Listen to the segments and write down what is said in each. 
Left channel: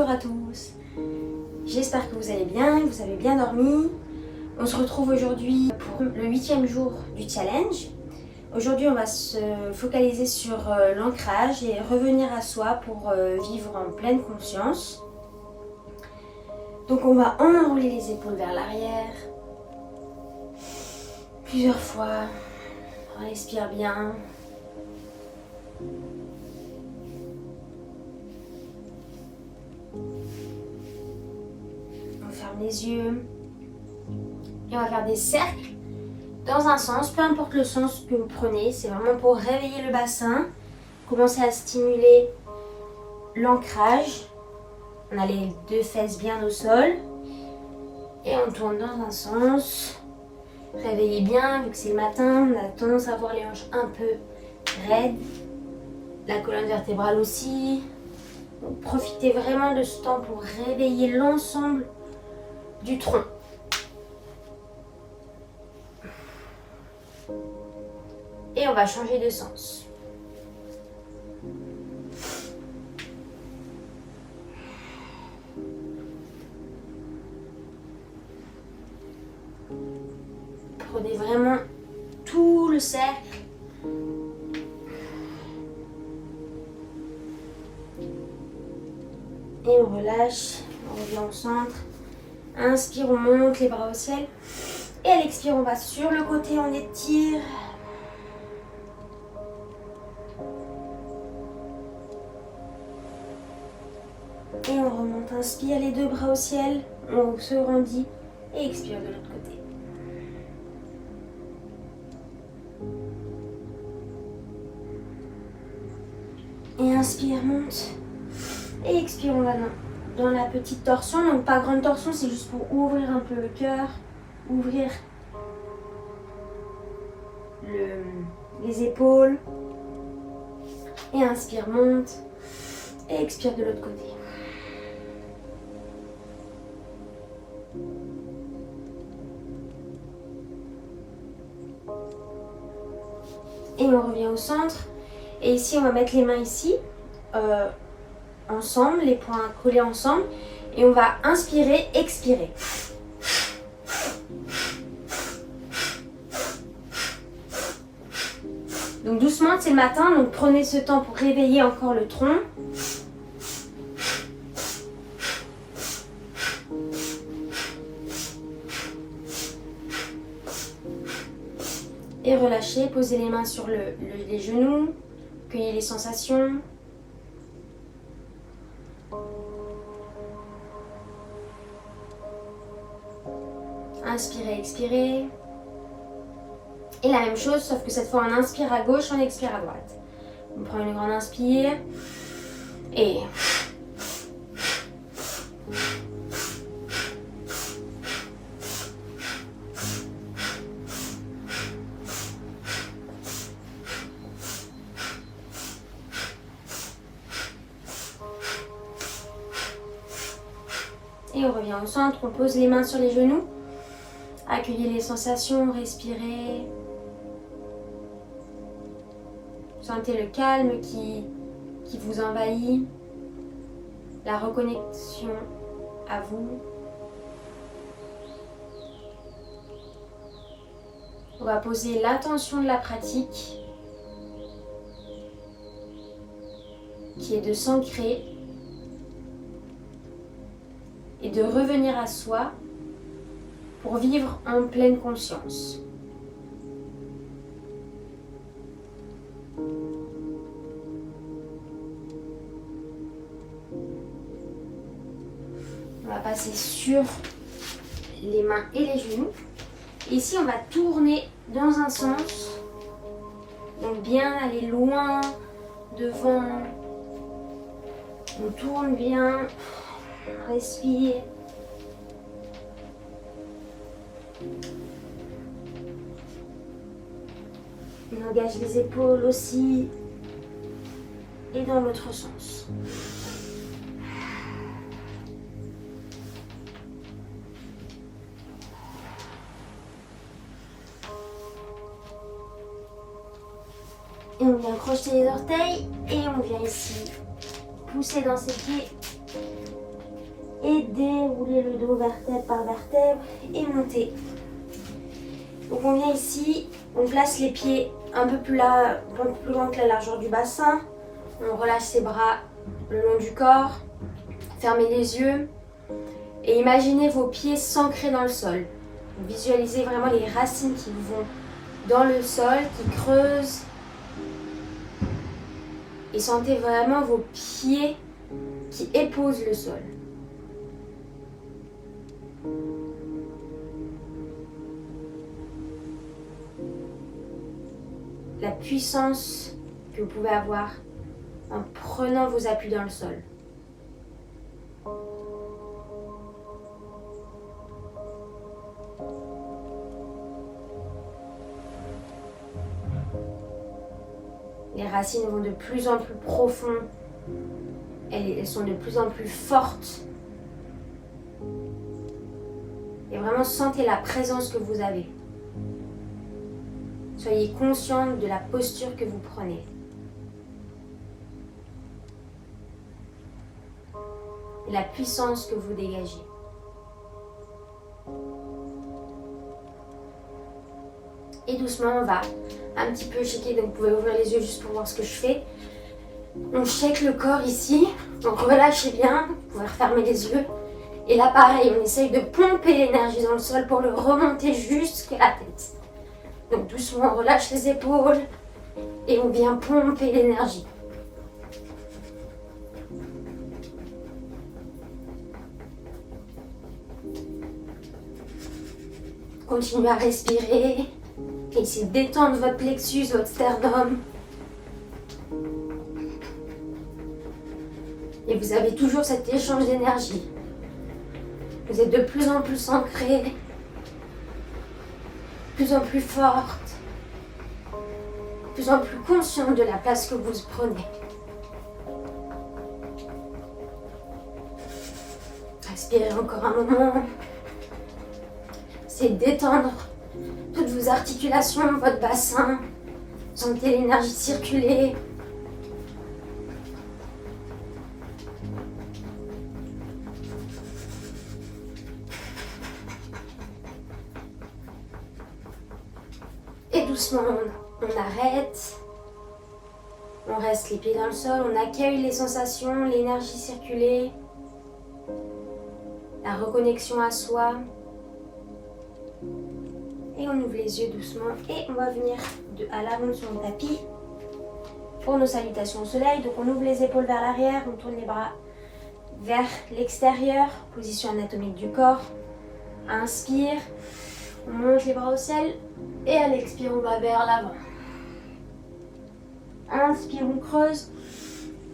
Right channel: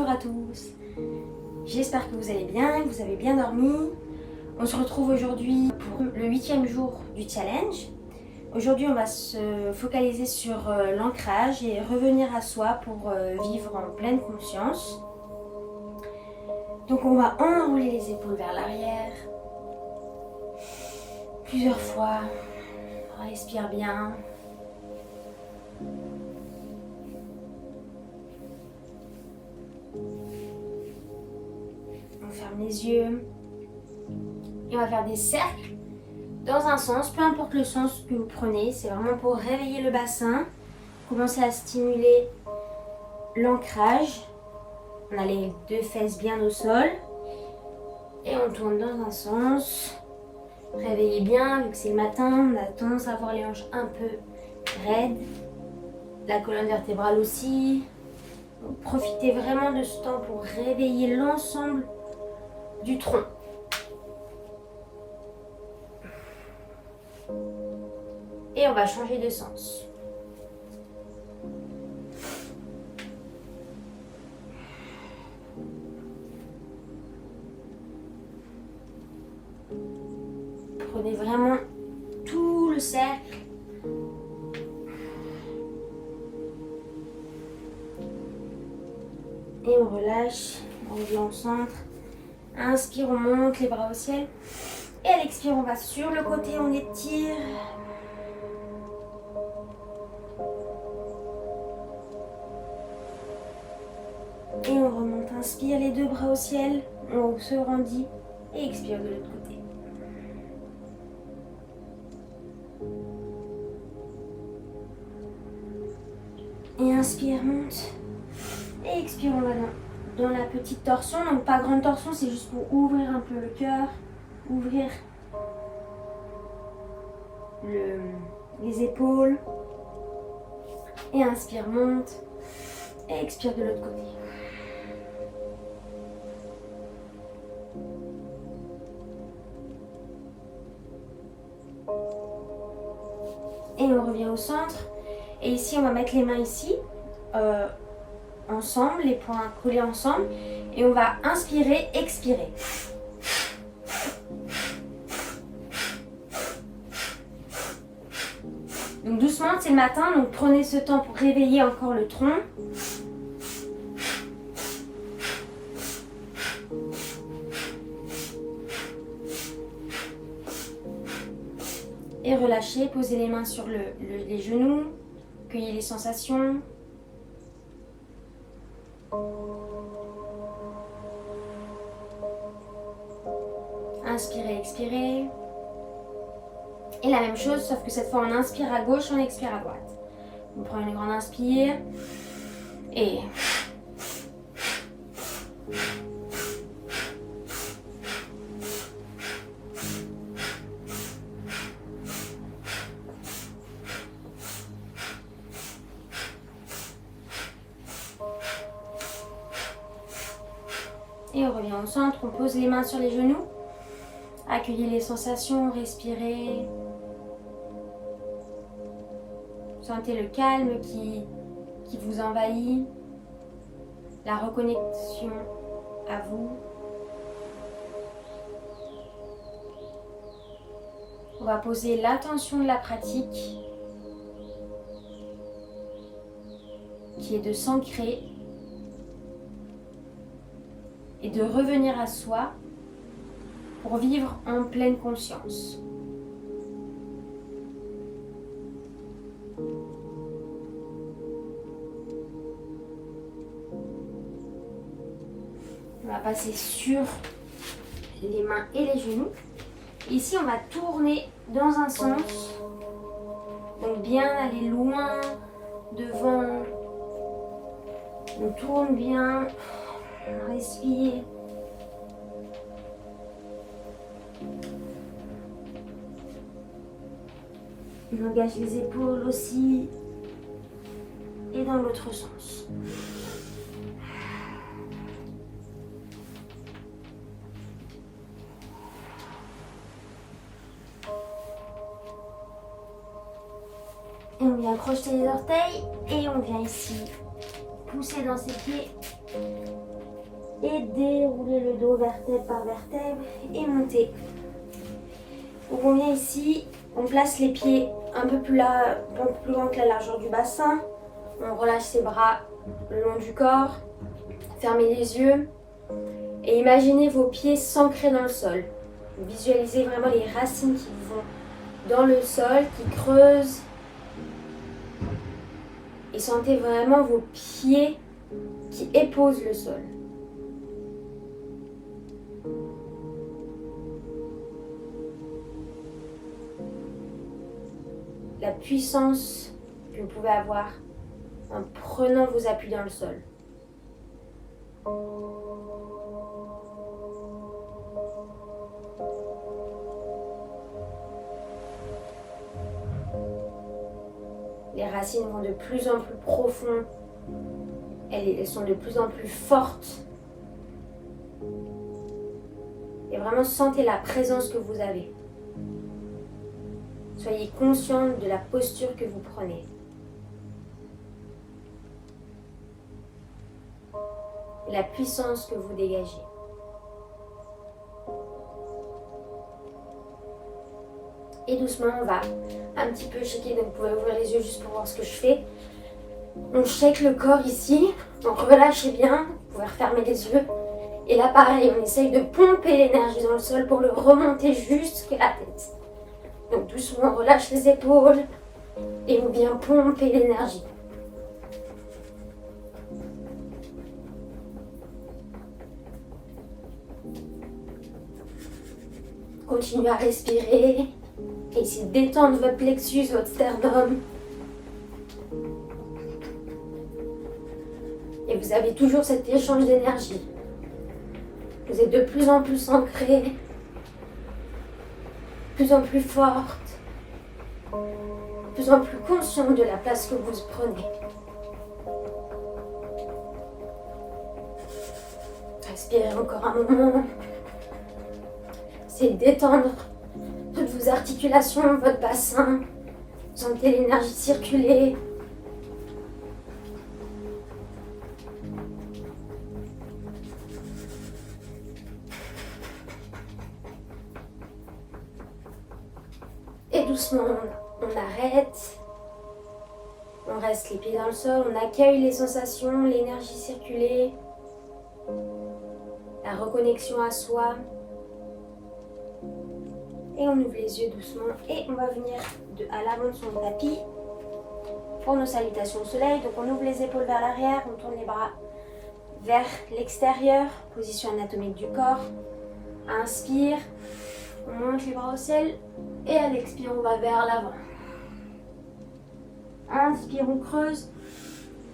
Bonjour à tous, j'espère que vous allez bien, que vous avez bien dormi. On se retrouve aujourd'hui pour le 8e jour du challenge. Aujourd'hui on va se focaliser sur l'ancrage et revenir à soi pour vivre en pleine conscience. Donc on va enrouler les épaules vers l'arrière, plusieurs fois, respire bien. On ferme les yeux et on va faire des cercles dans un sens, peu importe le sens que vous prenez, c'est vraiment pour réveiller le bassin, commencer à stimuler l'ancrage. On a les deux fesses bien au sol et on tourne dans un sens. Réveillez bien, vu que c'est le matin, on a tendance à avoir les hanches un peu raides, la colonne vertébrale aussi. Donc profitez vraiment de ce temps pour réveiller l'ensemble du tronc. Et on va changer de sens. Prenez vraiment tout le cercle. Et on relâche, on revient au centre. Inspire, on monte les bras au ciel. Et à l'expire, on va sur le côté, on étire. Et on remonte, inspire les deux bras au ciel, on se rendit et expire de l'autre côté. Et inspire, monte. Et expire, on va dans la petite torsion. Donc pas grande torsion, c'est juste pour ouvrir un peu le cœur, ouvrir les épaules. Et inspire, monte. Et expire de l'autre côté. Et on revient au centre. Et ici, on va mettre les mains ici, ensemble, les poings collés ensemble. Et on va inspirer, expirer. Donc doucement, c'est le matin, donc prenez ce temps pour réveiller encore le tronc. Et relâchez, posez les mains sur les genoux, cueillez les sensations. Inspirez, expirez. Et la même chose, sauf que cette fois on inspire à gauche, on expire à droite. On prend une grande inspire. Et... Et on revient au centre, on pose les mains sur les genoux. Accueillez les sensations, respirez. Sentez le calme qui vous envahit. La reconnexion à vous. On va poser l'intention de la pratique qui est de s'ancrer et de revenir à soi pour vivre en pleine conscience. On va passer sur les mains et les genoux. Ici, on va tourner dans un sens. Donc bien aller loin, devant. On tourne bien. Respire. On engage les épaules aussi. Et dans l'autre sens. Et on vient crocheter les orteils et on vient ici pousser dans ses pieds et déroulez le dos vertèbre par vertèbre et montez. Donc on vient ici, on place les pieds un peu plus là, un peu plus loin que la largeur du bassin. On relâche ses bras le long du corps. Fermez les yeux et imaginez vos pieds s'ancrer dans le sol. Visualisez vraiment les racines qui vont dans le sol, qui creusent. Et sentez vraiment vos pieds qui épousent le sol. La puissance que vous pouvez avoir en prenant vos appuis dans le sol. Les racines vont de plus en plus profond. Elles sont de plus en plus fortes. Et vraiment sentez la présence que vous avez. Soyez conscient de la posture que vous prenez. Et la puissance que vous dégagez. Et doucement, on va un petit peu shaker. Donc vous pouvez ouvrir les yeux juste pour voir ce que je fais. On shake le corps ici. Donc relâchez bien. Vous pouvez refermer les yeux. Et là, pareil, on essaye de pomper l'énergie dans le sol pour le remonter jusqu'à la tête. Donc doucement, on relâche les épaules et on vient pomper l'énergie. Continuez à respirer. Essayez de détendre votre plexus, votre sternum. Et vous avez toujours cet échange d'énergie. Vous êtes de plus en plus ancré, de plus en plus forte, de plus en plus consciente de la place que vous prenez. Respirez encore un moment. Essayez de détendre toutes vos articulations, votre bassin. Sentez l'énergie circuler. Et doucement, on arrête. On reste les pieds dans le sol. On accueille les sensations, l'énergie circuler. La reconnexion à soi. Et on ouvre les yeux doucement. Et on va venir à l'avant de son tapis pour nos salutations au soleil. Donc on ouvre les épaules vers l'arrière. On tourne les bras vers l'extérieur. Position anatomique du corps. Inspire. On monte les bras au ciel. Et à l'expire, on va vers l'avant. Inspire, on creuse.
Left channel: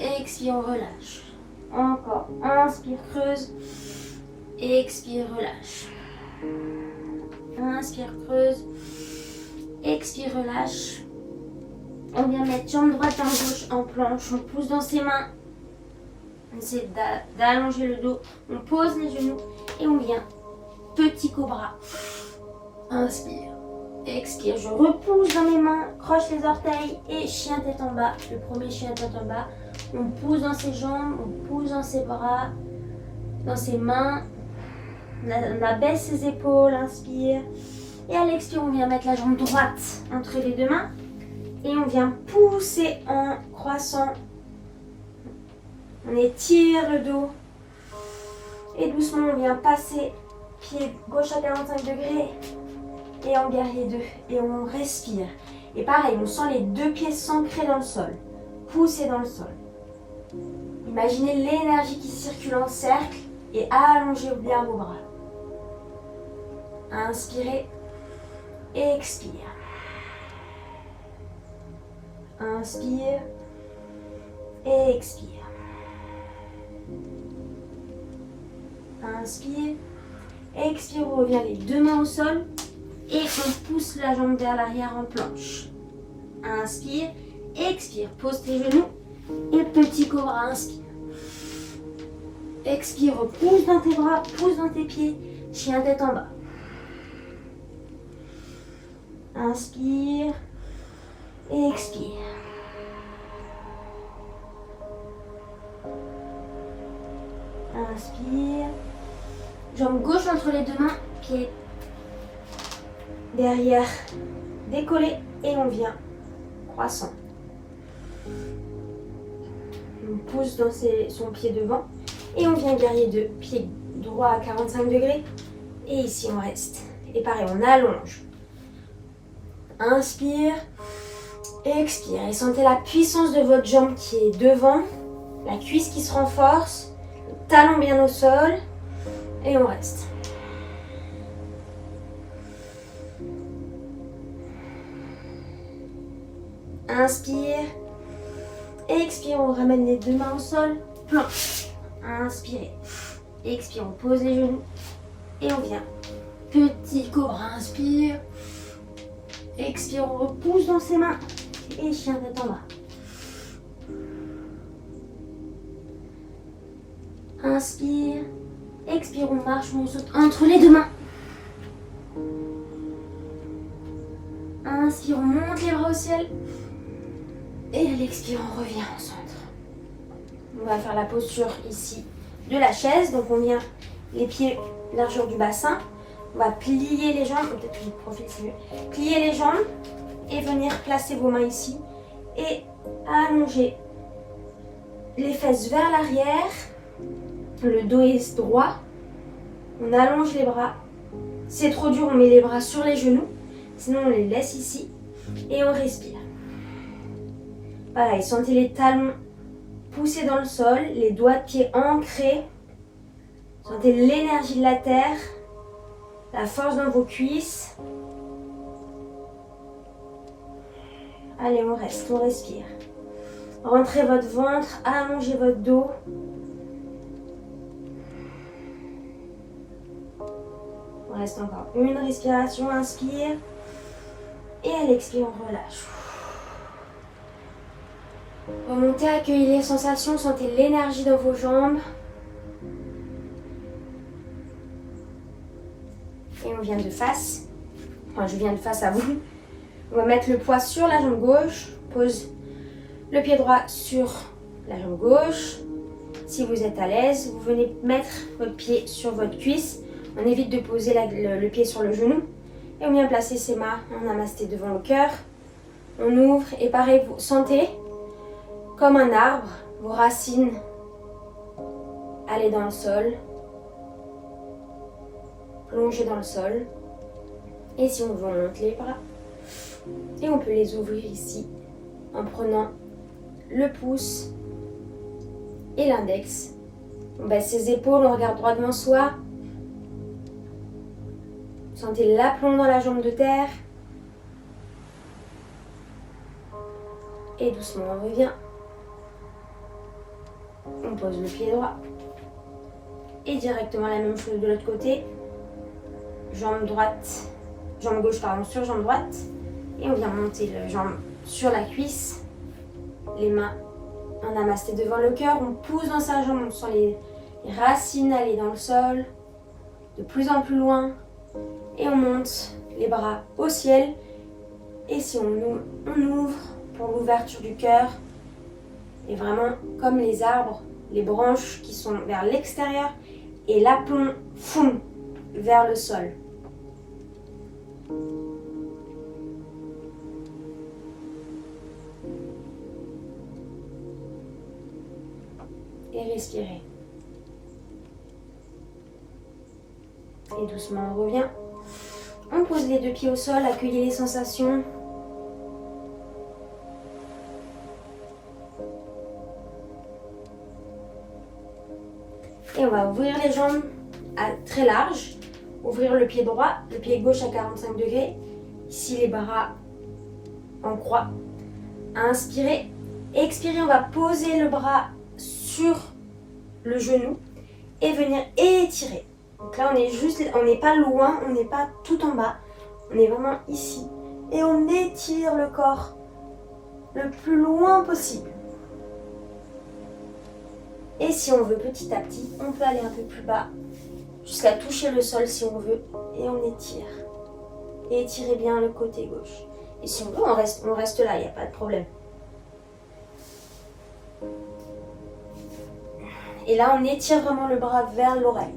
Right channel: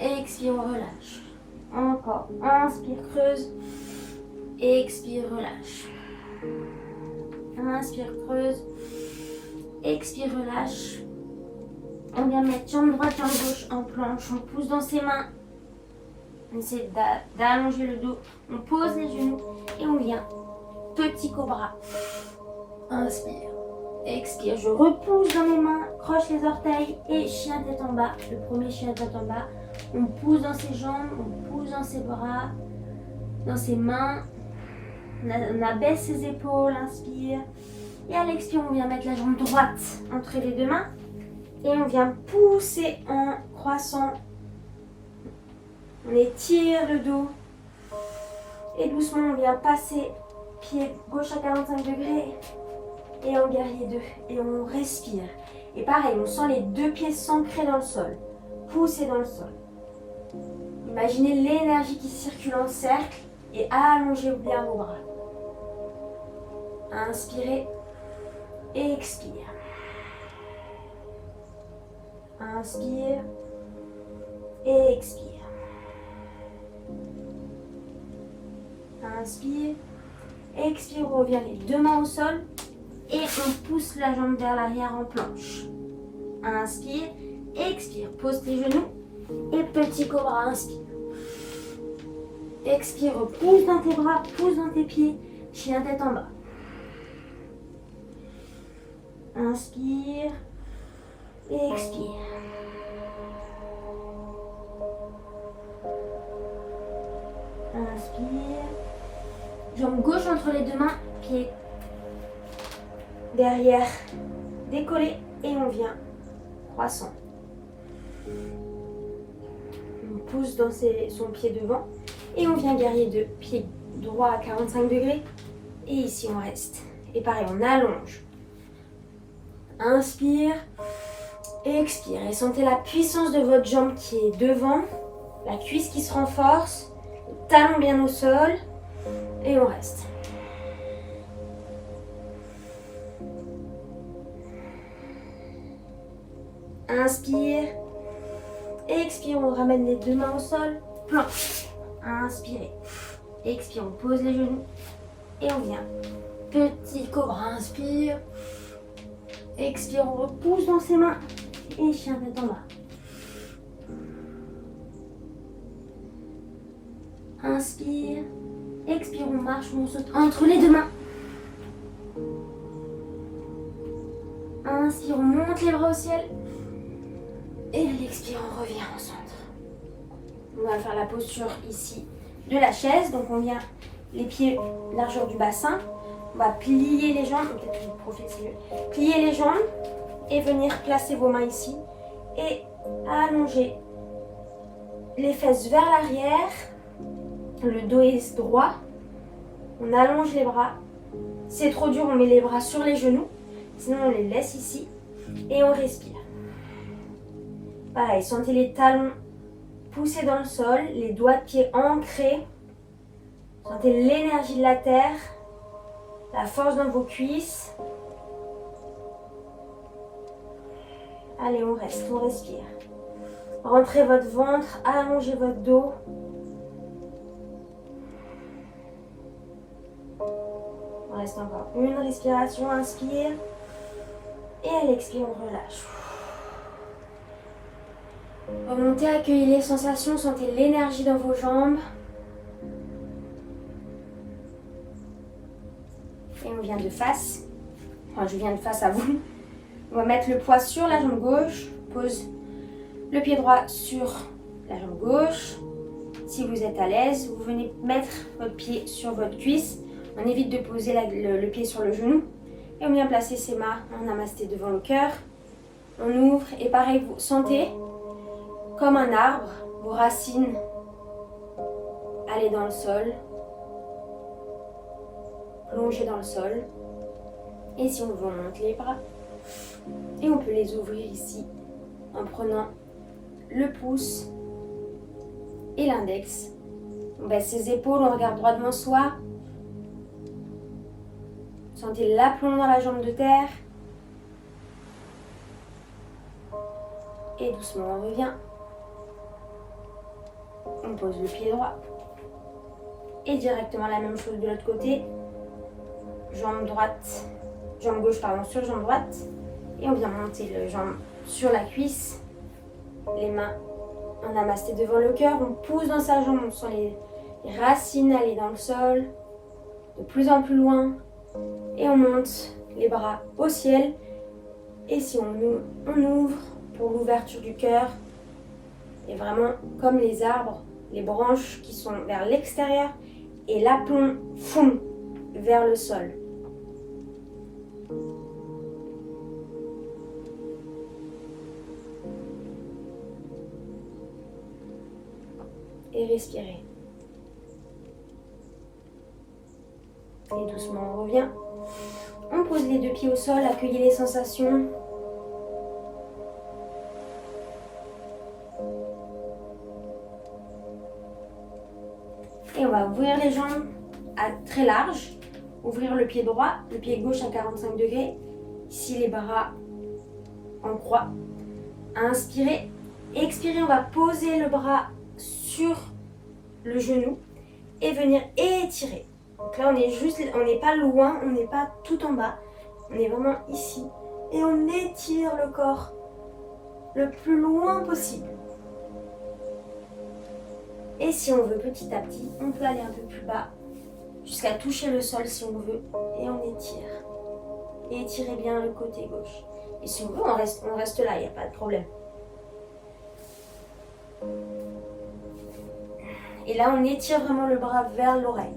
Expire, on relâche. Encore. Inspire, creuse. Expire, relâche. Inspire, creuse. Expire, relâche. On vient mettre jambe droite, jambe gauche en planche. On pousse dans ses mains. On essaie d'allonger le dos. On pose les genoux. Et on vient. Petit cobra. Inspire. Expire, je repousse dans mes mains, croche les orteils et chien tête en bas. Le premier chien tête en bas. On pousse dans ses jambes, on pousse dans ses bras, dans ses mains. On abaisse ses épaules, inspire. Et à l'expire, on vient mettre la jambe droite entre les deux mains. Et on vient pousser en croissant. On étire le dos. Et doucement, on vient passer pied gauche à 45 degrés. Et en guerrier 2, et on respire. Et pareil, on sent les deux pieds s'ancrer dans le sol, pousser dans le sol. Imaginez l'énergie qui circule en cercle et allongez bien vos bras. Inspirez, expire. Inspire, expire. Inspire, expire, on revient les deux mains au sol. Et on pousse la jambe vers l'arrière en planche. Inspire, expire, pose tes genoux. Et petit cobra, inspire. Expire, pousse dans tes bras, pousse dans tes pieds. Chien tête en bas. Inspire, expire. Inspire. Jambe gauche entre les deux mains, pied derrière, décollé et on vient croissant. On pousse dans son pied devant et on vient guerrier 2, pied droit à 45 degrés et ici on reste. Et pareil, on allonge. Inspire, expire et sentez la puissance de votre jambe qui est devant, la cuisse qui se renforce, le talon bien au sol et on reste. Inspire, expire, on ramène les deux mains au sol, planche. Inspirez, expire, on pose les genoux et on vient. Petit cobra, inspire, expire, on repousse dans ses mains et chien tête en bas. Inspire, expire, on marche, on saute entre les deux mains. Inspire, on monte les bras au ciel. Et à l'expire, on revient au centre. On va faire la posture ici de la chaise. Donc on vient les pieds largeur du bassin. On va plier les jambes. Peut-être que je profile, c'est mieux. Plier les jambes et venir placer vos mains ici. Et allonger les fesses vers l'arrière. Le dos est droit. On allonge les bras. Si c'est trop dur, on met les bras sur les genoux. Sinon, on les laisse ici. Et on respire. Pareil, sentez les talons poussés dans le sol, les doigts de pied ancrés. Sentez l'énergie de la terre, la force dans vos cuisses. Allez, on reste, on respire. Rentrez votre ventre, allongez votre dos. On reste encore une respiration, inspire. Et à l'expire, on relâche. Remontez, accueillez les sensations, sentez l'énergie dans vos jambes. Et on vient de face. Enfin, je viens de face à vous. On va mettre le poids sur la jambe gauche. Pose le pied droit sur la jambe gauche. Si vous êtes à l'aise, vous venez mettre votre pied sur votre cuisse. On évite de poser le pied sur le genou. Et on vient placer ses mains en namasté devant le cœur. On ouvre et pareil, vous sentez comme un arbre, vos racines aller dans le sol, plonger dans le sol. Et si on veut, on monte les bras. Et on peut les ouvrir ici en prenant le pouce et l'index. On baisse ses épaules, on regarde droit devant soi. Sentez l'aplomb dans la jambe de terre. Et doucement, on revient. On pose le pied droit. Et directement la même chose de l'autre côté. Jambe gauche sur jambe droite. Et on vient monter la jambe sur la cuisse. Les mains en namasté devant le cœur. On pousse dans sa jambe. On sent les racines aller dans le sol. De plus en plus loin. Et on monte les bras au ciel. Et si on ouvre pour l'ouverture du cœur. Et vraiment comme les arbres, les branches qui sont vers l'extérieur. Et l'aplomb fond vers le sol. Et respirez. Et doucement on revient. On pose les deux pieds au sol, accueillez les sensations. Et on va ouvrir les jambes à très large. Ouvrir le pied droit, le pied gauche à 45 degrés. Ici les bras en croix. Inspirez. Expirez, on va poser le bras sur le genou et venir étirer. Donc là on n'est pas loin, on n'est pas tout en bas. On est vraiment ici. Et on étire le corps le plus loin possible. Et si on veut petit à petit, on peut aller un peu plus bas, jusqu'à toucher le sol si on veut, et on étire. Et étirez bien le côté gauche. Et si on veut, on reste là, il n'y a pas de problème. Et là, on étire vraiment le bras vers l'oreille.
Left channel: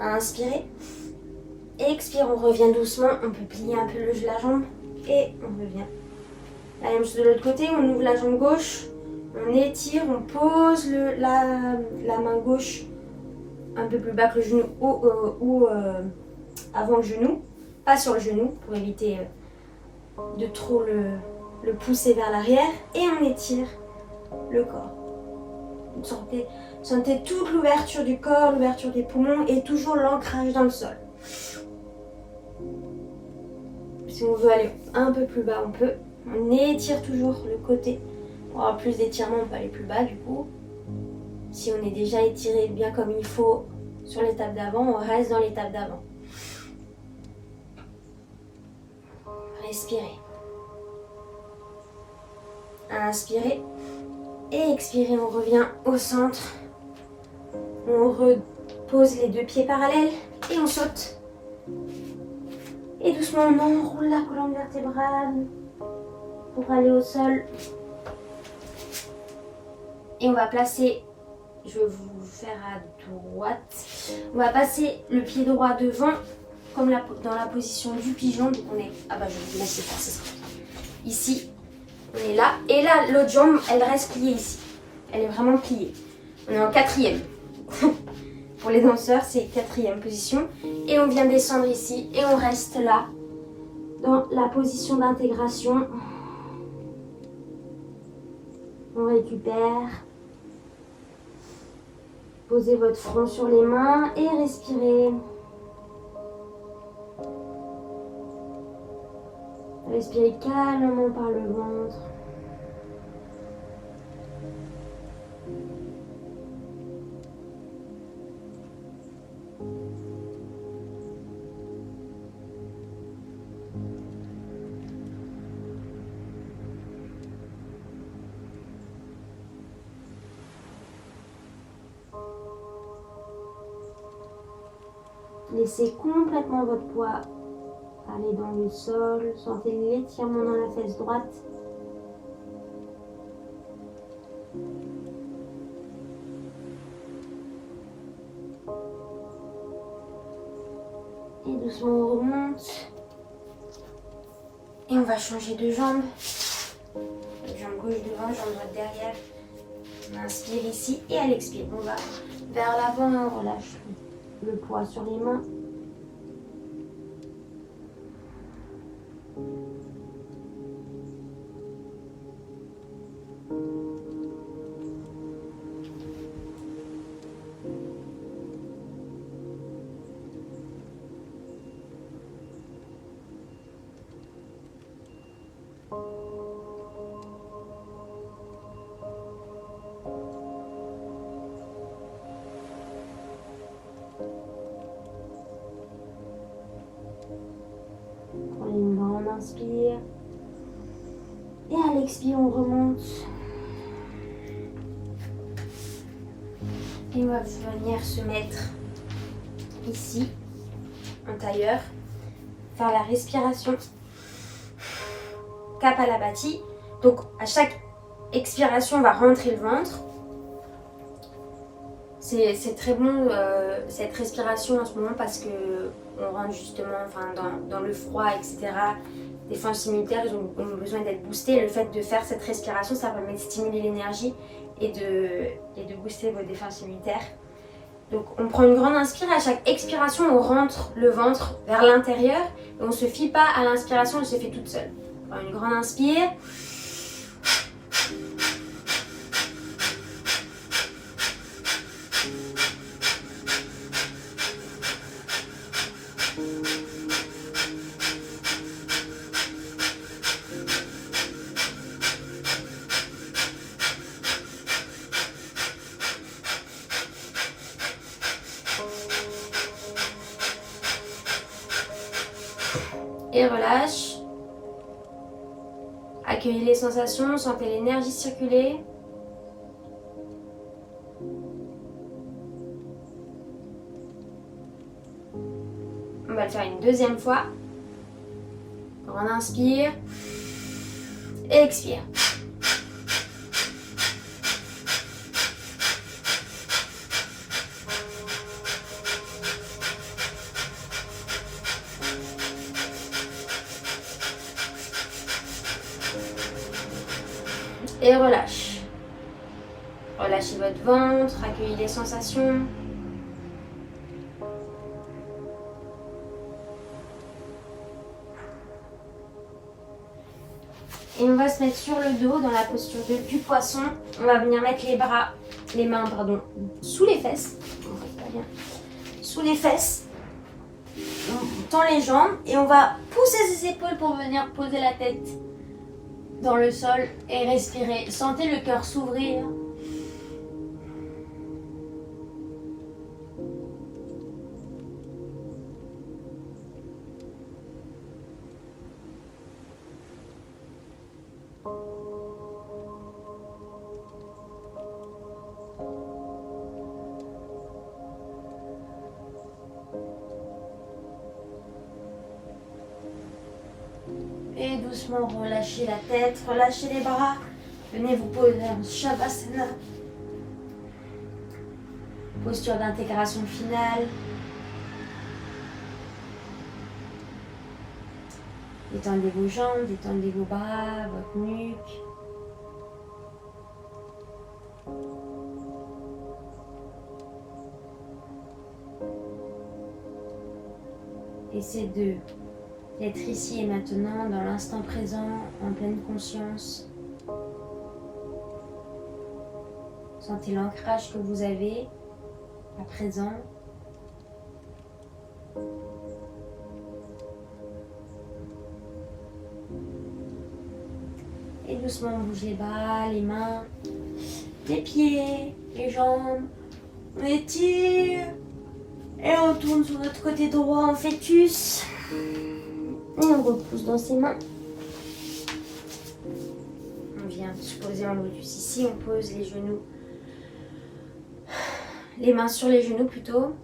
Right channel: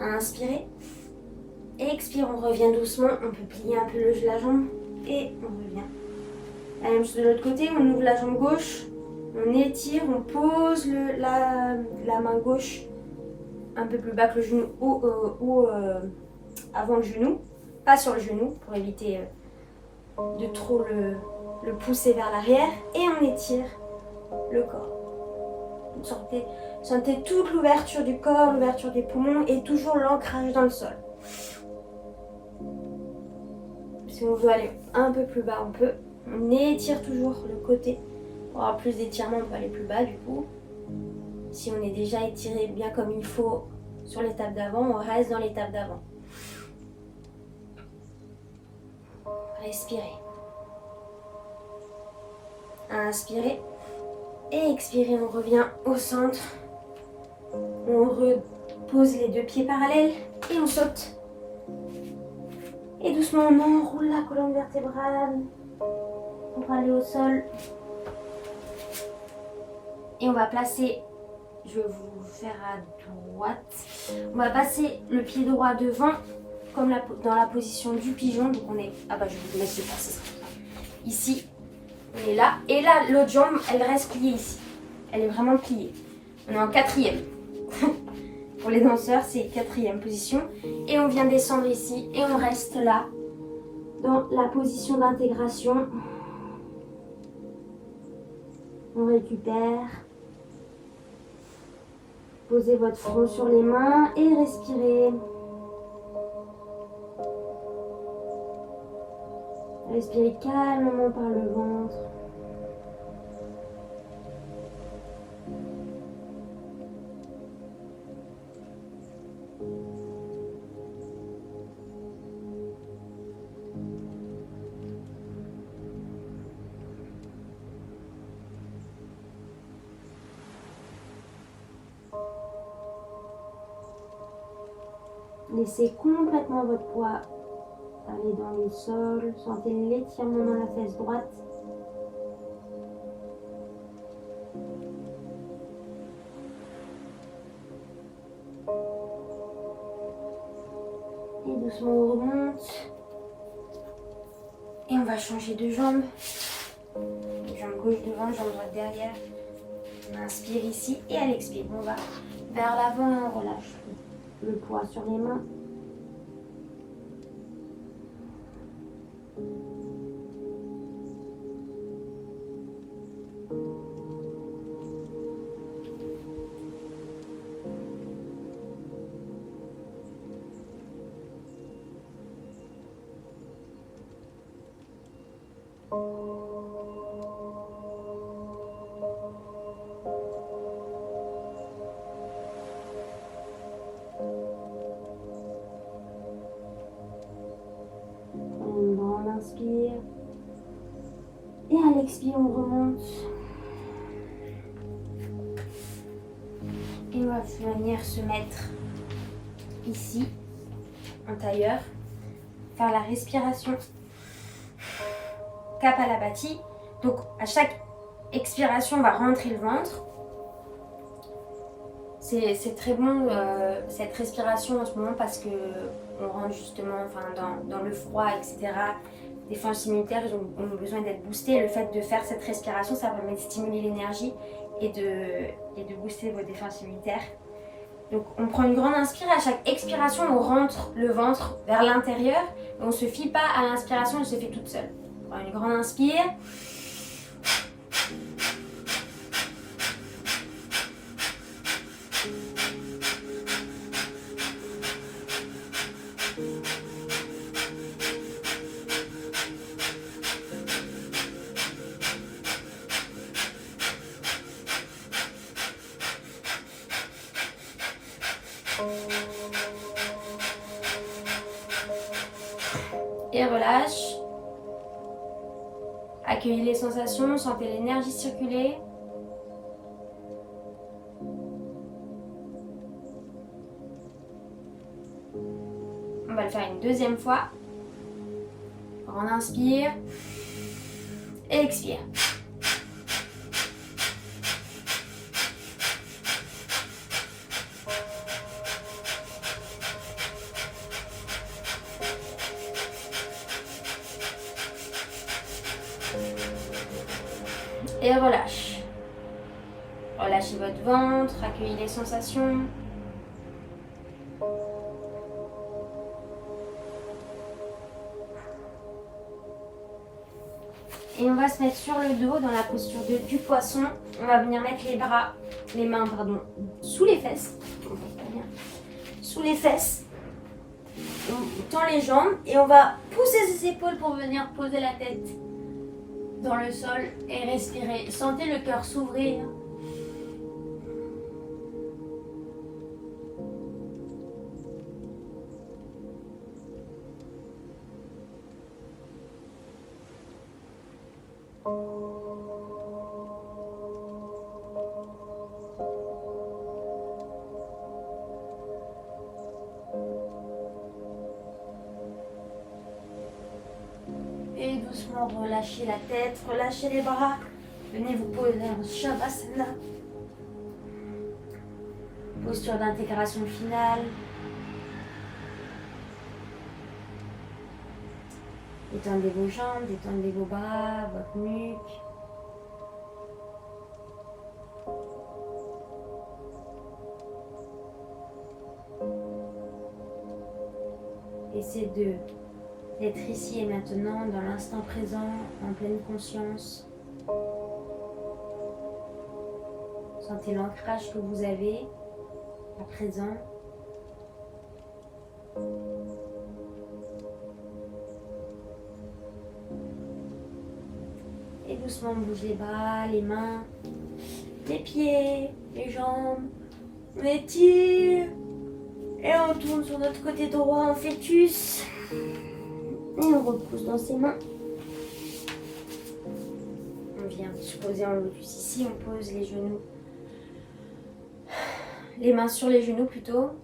Inspirez. Expire, on revient doucement. On peut plier un peu la jambe. Et on revient. La même chose de l'autre côté, on ouvre la jambe gauche. On étire, on pose la main gauche un peu plus bas que le genou ou avant le genou. Pas sur le genou pour éviter de trop le pousser vers l'arrière. Et on étire le corps. Sentez toute l'ouverture du corps, l'ouverture des poumons et toujours l'ancrage dans le sol. Si on veut aller un peu plus bas, on peut. On étire toujours le côté. Pour avoir plus d'étirement, on peut aller plus bas du coup. Si on est déjà étiré bien comme il faut sur l'étape d'avant, on reste dans l'étape d'avant. Respirez. Inspirez. Et expirez, on revient au centre. On repose les deux pieds parallèles et on saute. Et doucement, on enroule la colonne vertébrale pour aller au sol. Et on va placer, je vais vous faire à droite. On va passer le pied droit devant, comme dans la position du pigeon. Donc on est, je vais vous laisser faire, ça sera ça. Ici, on est là. Et là, l'autre jambe, elle reste pliée ici. Elle est vraiment pliée. On est en 4e. Pour les danseurs, c'est 4e position. Et on vient descendre ici et on reste là, dans la position d'intégration. On récupère. Posez votre front sur les mains et respirez. Respirez calmement par le ventre. Laissez complètement votre poids aller dans le sol. Sentez l'étirement dans la fesse droite. Et doucement on remonte. Et on va changer de jambe. Jambe gauche devant, jambe droite derrière. On inspire ici et à l'expire, on va vers l'avant, on relâche le poids sur les mains. Prenez une grande inspire. Et à l'expire, on remonte. Et on va venir se mettre ici, en tailleur. Faire la respiration. Kapalabhati. Donc à chaque expiration, on va rentrer le ventre. C'est très bon cette respiration en ce moment parce que on rentre justement dans le froid, etc. Les défenses immunitaires, ils ont besoin d'être boostés. Le fait de faire cette respiration, ça permet de stimuler l'énergie et de booster vos défenses immunitaires. Donc on prend une grande inspire, à chaque expiration, on rentre le ventre vers l'intérieur. Et on ne se fie pas à l'inspiration, elle se fait toute seule. On prend une grande inspire. Et relâche. Accueillez les sensations, sentez l'énergie circuler. On va le faire une deuxième fois. On inspire. Et expire. Et relâche. Relâchez votre ventre, accueillez les sensations. Et on va se mettre sur le dos dans la posture du poisson. On va venir mettre les mains sous les fesses. On voit pas bien. Sous les fesses. On tend les jambes et on va pousser ses épaules pour venir poser la tête dans le sol et respirer. Sentez le cœur s'ouvrir. Et doucement relâchez la tête, relâchez les bras. Venez vous poser en Shavasana. Posture d'intégration finale. Détendez vos jambes, détendez vos bras, votre nuque. Essayez d'être ici et maintenant, dans l'instant présent, en pleine conscience. Sentez l'ancrage que vous avez à présent. Et doucement, on bouge les bras, les mains, les pieds, les jambes. On étire. Et on tourne sur notre côté droit en fœtus. Et on repousse dans ses mains. On vient se poser en lotus ici. On pose les genoux. Les mains sur les genoux plutôt.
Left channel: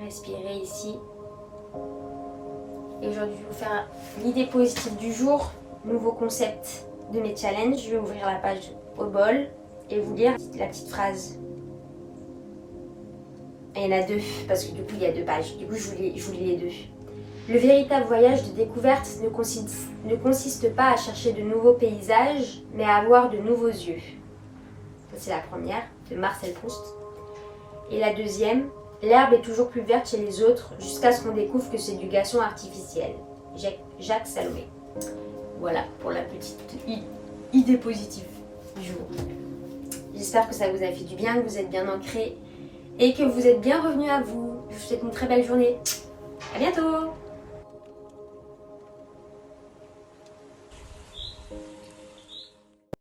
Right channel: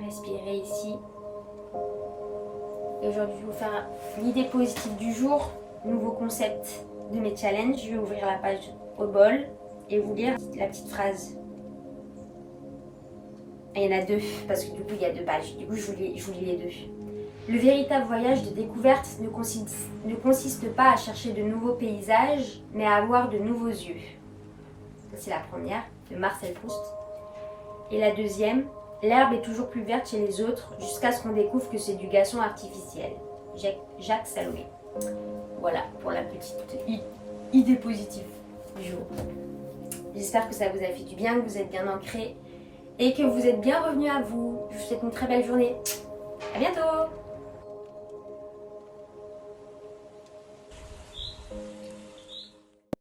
Respirez ici. Et aujourd'hui, je vais vous faire l'idée positive du jour. Nouveau concept de mes challenges. Je vais ouvrir la page au bol et vous lire la petite phrase. Et il y en a deux, parce que du coup, il y a deux pages. Du coup, je vous lis les deux. Le véritable voyage de découverte ne consiste pas à chercher de nouveaux paysages, mais à avoir de nouveaux yeux. Ça, c'est la première, de Marcel Proust. Et la deuxième, l'herbe est toujours plus verte chez les autres, jusqu'à ce qu'on découvre que c'est du gazon artificiel. Jacques Salomé. Voilà, pour la petite idée positive du jour. J'espère que ça vous a fait du bien, que vous êtes bien ancrés et que vous êtes bien revenus à vous. Je vous souhaite une très belle journée. À bientôt!